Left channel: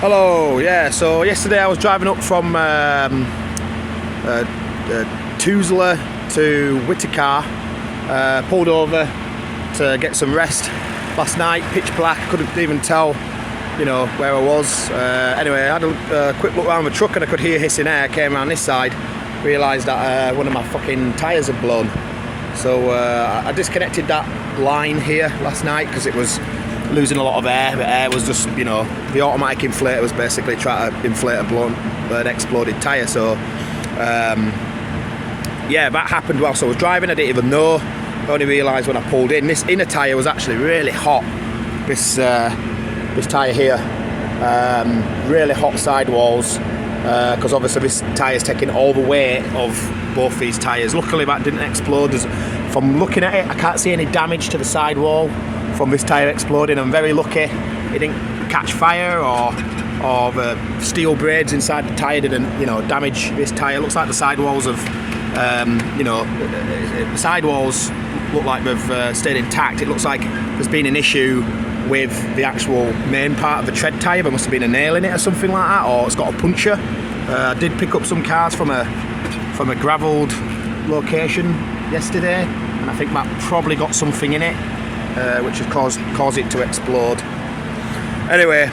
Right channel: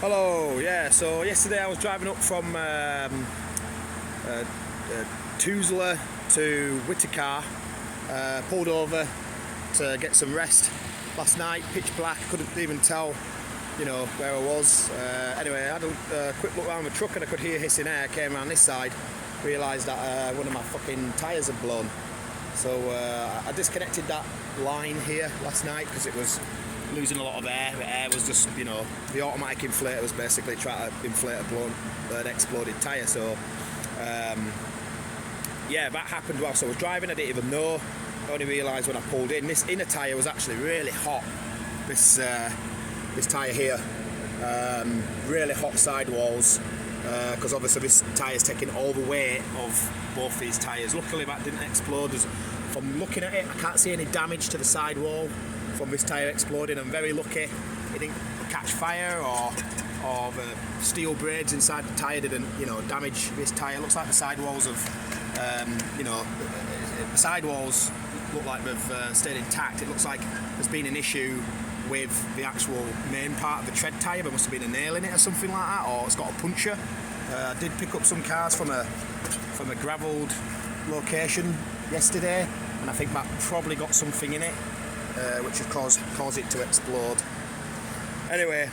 Hello, yeah, so yesterday I was driving up from Tuzla to Whitaker, pulled over to get some rest last night, pitch black, couldn't even tell, where I was. Anyway, I had a quick look around the truck and I could hear hissing air, came around this side, realised that one of my fucking tyres had blown. So I disconnected that line here last night because it was losing a lot of air. The air was just, the automatic inflator was basically trying to inflate an exploded tyre. So yeah, that happened whilst I was driving. I didn't even know. I only realised when I pulled in. This inner tyre was actually really hot. This tyre here, really hot sidewalls, because obviously this tyre's taking all the weight of both these tyres. Luckily that didn't explode. From looking at it, I can't see any damage to the sidewall from this tyre exploding. I'm very lucky it didn't catch fire or the steel braids inside the tyre didn't damage this tyre. It looks like the sidewalls have the sidewalls look like they've stayed intact. It looks like there's been an issue with the actual main part of the tread tyre. There must have been a nail in it or something like that, or it's got a puncture. I did pick up some cars from a gravelled location yesterday, and I think that probably got something in it, which has caused it to explode. Anyway,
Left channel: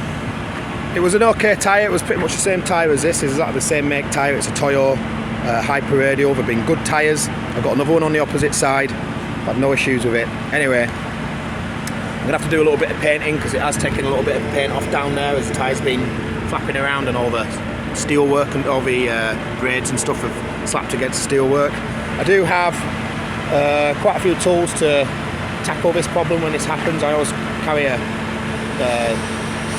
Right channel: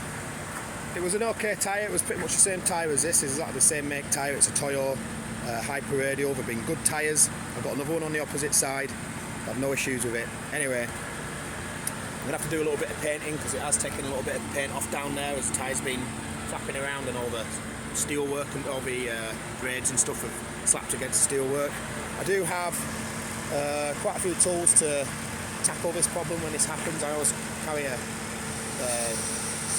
it was an okay tyre. It was pretty much the same tyre as this. It's exactly the same make tyre. It's a Toyo Hyper Radial. They've been good tyres. I've got another one on the opposite side. I've had no issues with it. Anyway, I'm gonna have to do a little bit of painting because it has taken a little bit of paint off down there as the tyre's been flapping around and all the steel work and all the braids and stuff have slapped against the steel work. I do have quite a few tools to tackle this problem when this happens. I always carry a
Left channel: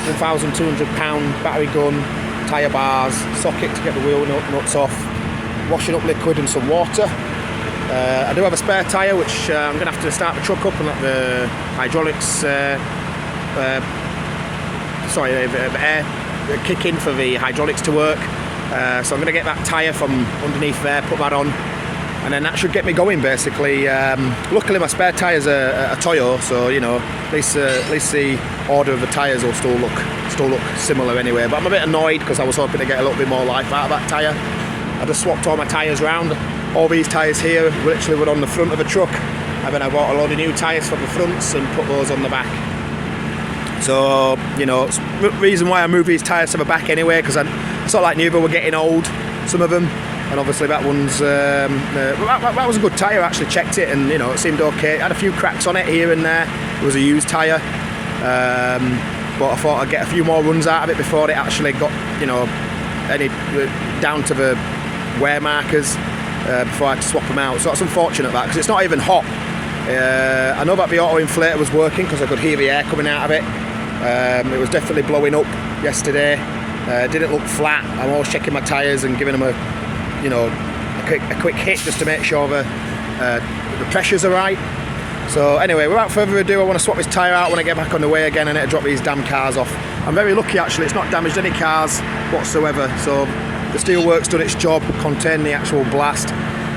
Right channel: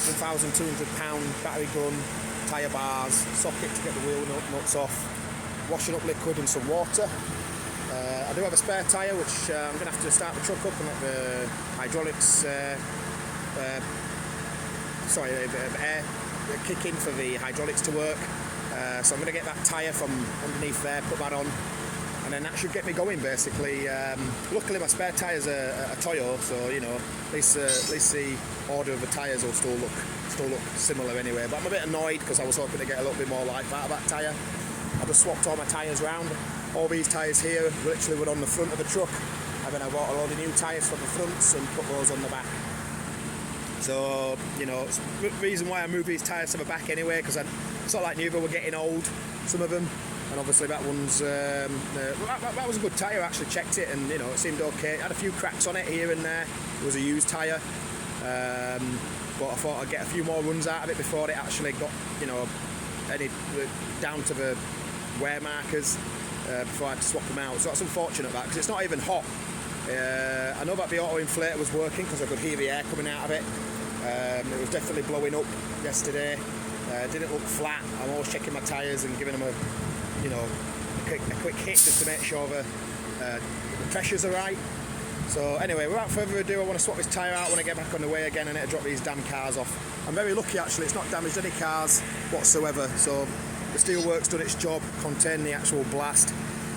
1,200 pound battery gun, tyre bars, socket to get the wheel nuts off, washing up liquid and some water. I do have a spare tyre which I'm going to have to start the truck up and let the hydraulics, the air kick in for the hydraulics to work. So I'm going to get that tyre from underneath there, put that on, and then that should get me going basically. Luckily my spare tyre's a Toyo, so at least the order of the tyres will still look similar anyway. But I'm a bit annoyed because I was hoping to get a little bit more life out of that tyre. I just swapped all my tyres round. All these tyres here literally were on the front of the truck, and then I bought a load of new tyres for the fronts and put those on the back. So it's the reason why I moved these tyres to the back anyway, because I sort of like knew they were getting old, some of them, and obviously that one's that was a good tyre. I actually checked it and it seemed okay. It had a few cracks on it here and there. It was a used tyre, but I thought I'd get a few more runs out of it before it actually got any down to the wear markers, before I had to swap them out. So that's unfortunate that, because it's not even hot. I know that the auto inflator was working because I could hear the air coming out of it. It was definitely blowing up yesterday. Didn't look flat. I'm always checking my tyres and giving them a quick hit just to make sure the pressures are right. So anyway, without further ado, I want to swap this tyre out when I get back on the way again and it'll drop these damn cars off. I'm very lucky actually, it's not damaged any cars whatsoever. So the steelwork's done its job, contained the actual blast.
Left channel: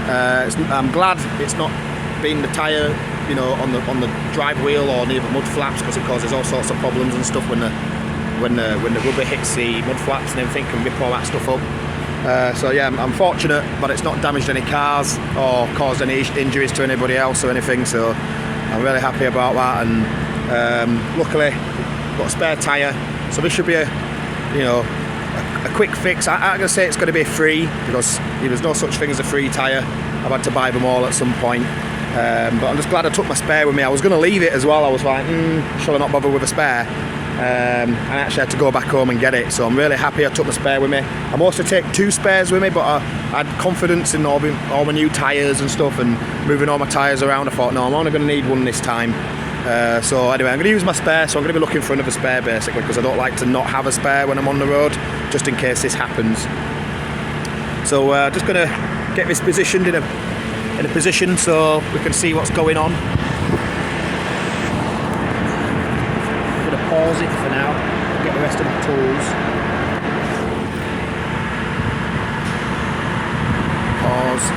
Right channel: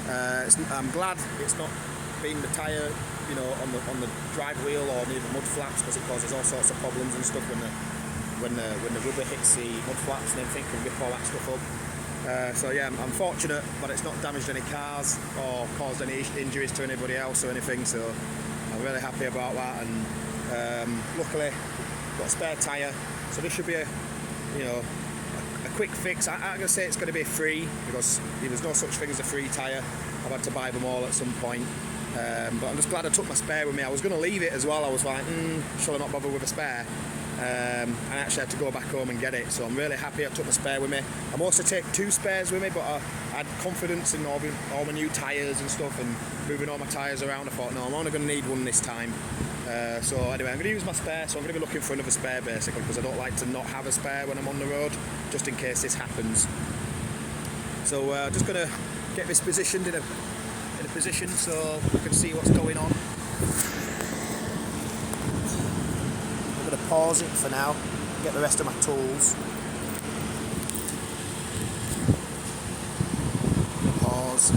I'm glad it's not been the tyre, on the drive wheel or near the mud flaps, because it causes all sorts of problems and stuff when the rubber hits the mud flaps and everything, can rip all that stuff up. So yeah, I'm fortunate, but it's not damaged any cars or caused any injuries to anybody else or anything. So I'm really happy about that, and luckily got a spare tyre, so this should be a quick fix. I'm gonna say it's going to be free, because there's no such thing as a free tyre. I've had to buy them all at some point, but I'm just glad I took my spare with me. I was going to leave it as well. I was like, shall I not bother with a spare? And I actually had to go back home and get it, so I'm really happy I took the spare with me. I'm also take 2 spares with me, but I had confidence in all my new tyres and stuff, and moving all my tyres around. I thought, no, I'm only going to need one this time. So anyway, I'm going to use my spare, so I'm going to be looking for another spare basically, because I don't like to not have a spare when I'm on the road, just in case this happens. So just going to get this positioned in a position so we can see what's going on. I'm going to pause it for now, get the rest of my tools. Pause.